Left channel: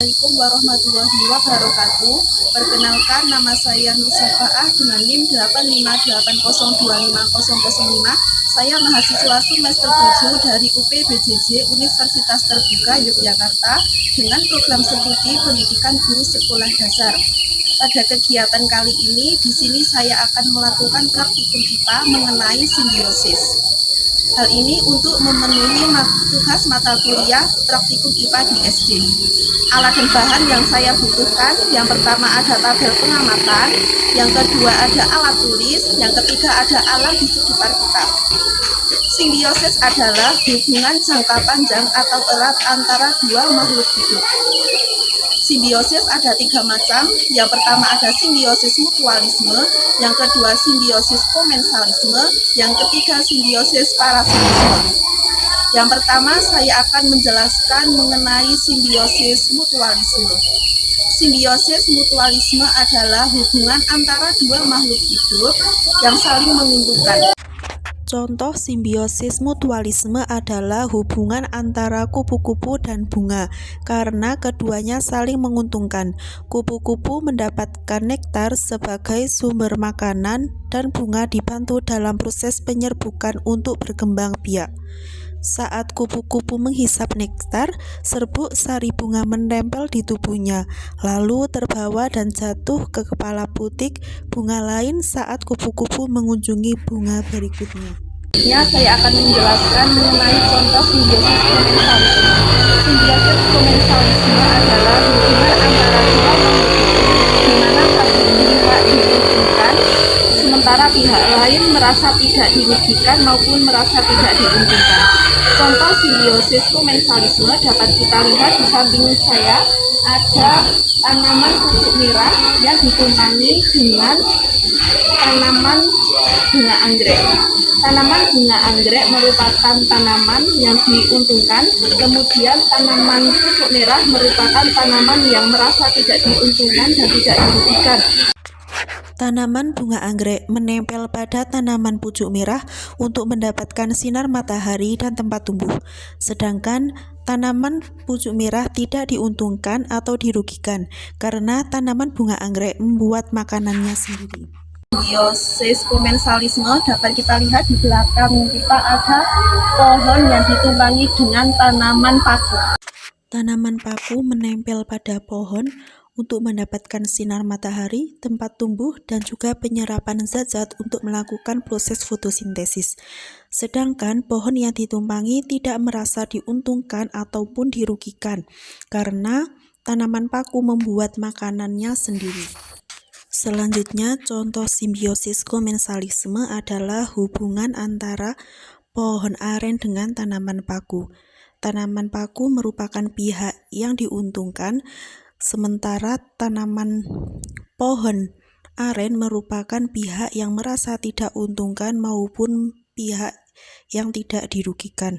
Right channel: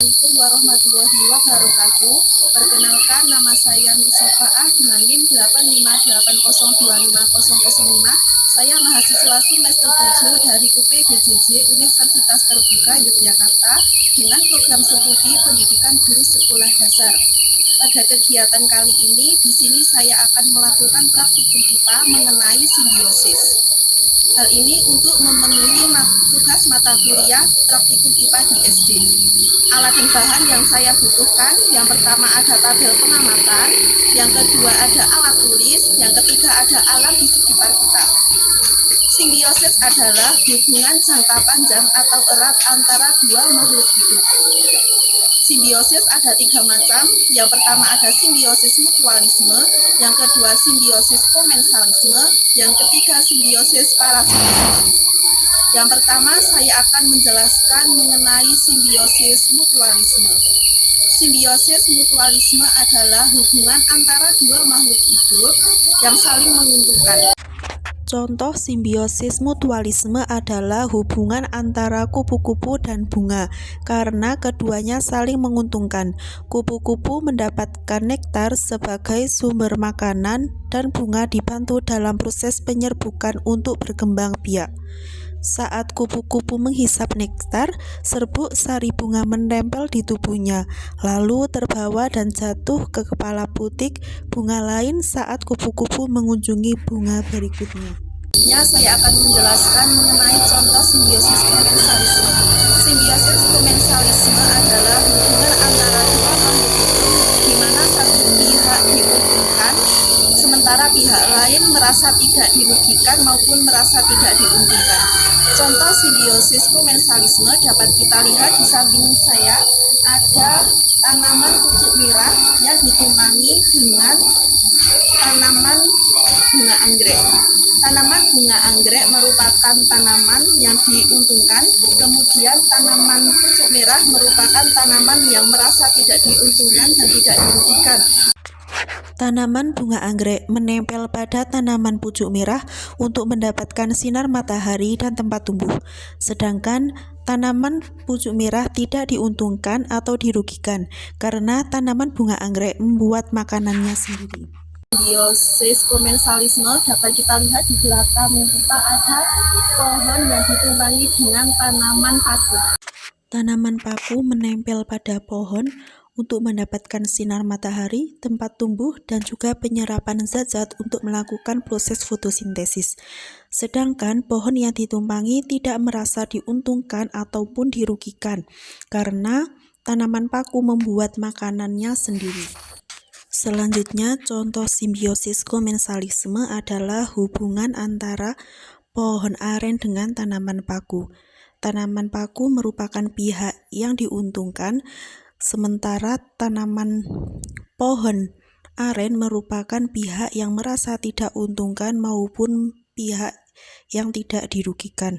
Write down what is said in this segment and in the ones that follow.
Assalamualaikum warahmatullahi wabarakatuh. Perkenalkan, nama saya Nur Syafaah dengan NIM 858025005. Saya mahasiswa semester 7 dari UPBJJ Universitas Terbuka Yogyakarta dengan program studi pendidikan guru sekolah dasar. Pada kegiatan kali ini, di sini saya akan melakukan praktikum IPA mengenai simbiosis. Hal ini untuk memenuhi tugas mata kuliah praktikum IPA di SD. Alat dan bahan yang saya butuhkan, yang pertama ada tabel pengamatan, yang kedua ada alat tulis, yang ketiga ada alam di sekitar kita. Simbiosis adalah hubungan jangka panjang atau erat antara dua makhluk hidup. Simbiosis ada 3 macam. Yang pertama ada simbiosis mutualisme, yang kedua simbiosis komensalisme, yang ketiga simbiosis parasitisme. Yang pertama saya akan menjelaskan mengenai simbiosis mutualisme. Simbiosis mutualisme adalah hubungan antara dua makhluk hidup yang saling menguntungkan. Contoh simbiosis mutualisme adalah hubungan antara kupu-kupu dan bunga karena keduanya saling menguntungkan. Kupu-kupu mendapatkan nektar sebagai sumber makanan dan bunga dibantu dalam proses penyerbukan untuk berkembang biak. Saat kupu-kupu menghisap nektar, serbuk sari bunga menempel di tubuhnya, lalu terbawa dan jatuh ke kepala butik bunga lain saat kupu-kupu mengunjungi bunga berikutnya. Saya akan menjelaskan mengenai contoh simbiosis komensalisme. Simbiosis komensalisme adalah hubungan antara dua makhluk hidup di mana satu pihak diuntungkan, sementara pihak lain merasa tidak dirugikan maupun merasa tidak diuntungkan. Contoh simbiosis komensalisme dapat kita lihat di samping saya ada tanaman pucuk merah yang ditumpangi dengan tanaman bunga anggrek. Tanaman bunga anggrek merupakan tanaman yang diuntungkan, kemudian tanaman pucuk merah merupakan tanaman yang merasa tidak diuntungkan dan tidak dirugikan. Tanaman bunga anggrek menempel pada tanaman pucuk merah untuk mendapatkan sinar matahari dan tempat tumbuh. Sedangkan tanaman pucuk merah tidak diuntungkan atau dirugikan karena tanaman bunga anggrek membuat makanannya sendiri. Simbiosis komensalisme dapat kita lihat di belakang kita ada pohon yang ditumpangi dengan tanaman paku. Tanaman paku menempel pada pohon untuk mendapatkan sinar matahari, tempat tumbuh, dan juga penyerapan zat-zat untuk melakukan proses fotosintesis. Sedangkan pohon yang ditumpangi tidak merasa diuntungkan ataupun dirugikan karena tanaman paku membuat makanannya sendiri. Selanjutnya, contoh simbiosis komensalisme adalah hubungan antara pohon aren dengan tanaman paku. Tanaman paku merupakan pihak yang diuntungkan, sementara tanaman pohon aren merupakan pihak yang merasa tidak diuntungkan maupun pihak yang tidak dirugikan.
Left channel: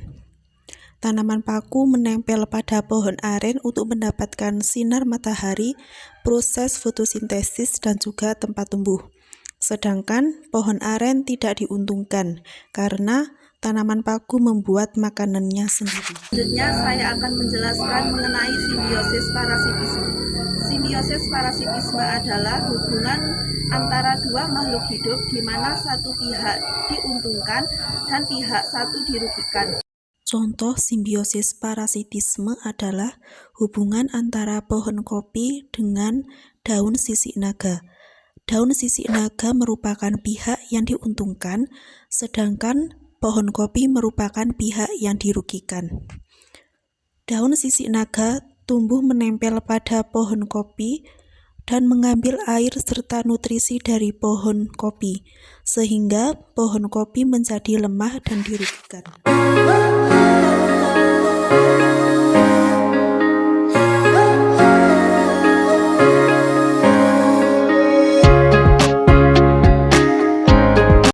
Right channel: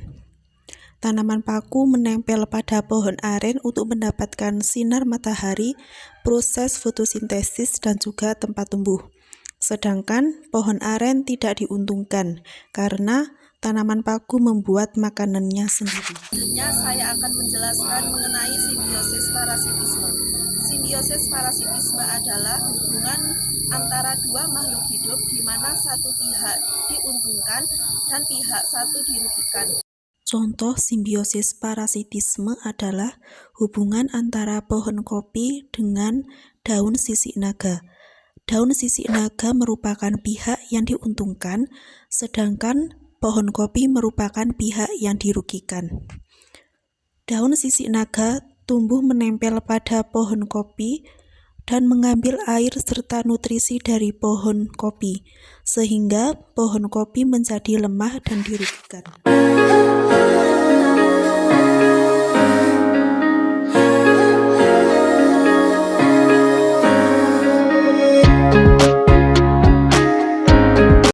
Tanaman paku menempel pada pohon aren untuk mendapatkan sinar matahari, proses fotosintesis, dan juga tempat tumbuh. Sedangkan pohon aren tidak diuntungkan karena tanaman paku membuat makanannya sendiri. Selanjutnya saya akan menjelaskan mengenai simbiosis parasitisme. Simbiosis parasitisme adalah hubungan antara dua makhluk hidup di mana satu pihak diuntungkan dan pihak satu dirugikan. Contoh simbiosis parasitisme adalah hubungan antara pohon kopi dengan daun sisik naga. Daun sisik naga merupakan pihak yang diuntungkan, sedangkan pohon kopi merupakan pihak yang dirugikan. Daun sisik naga tumbuh menempel pada pohon kopi dan mengambil air serta nutrisi dari pohon kopi, sehingga pohon kopi menjadi lemah dan dirugikan.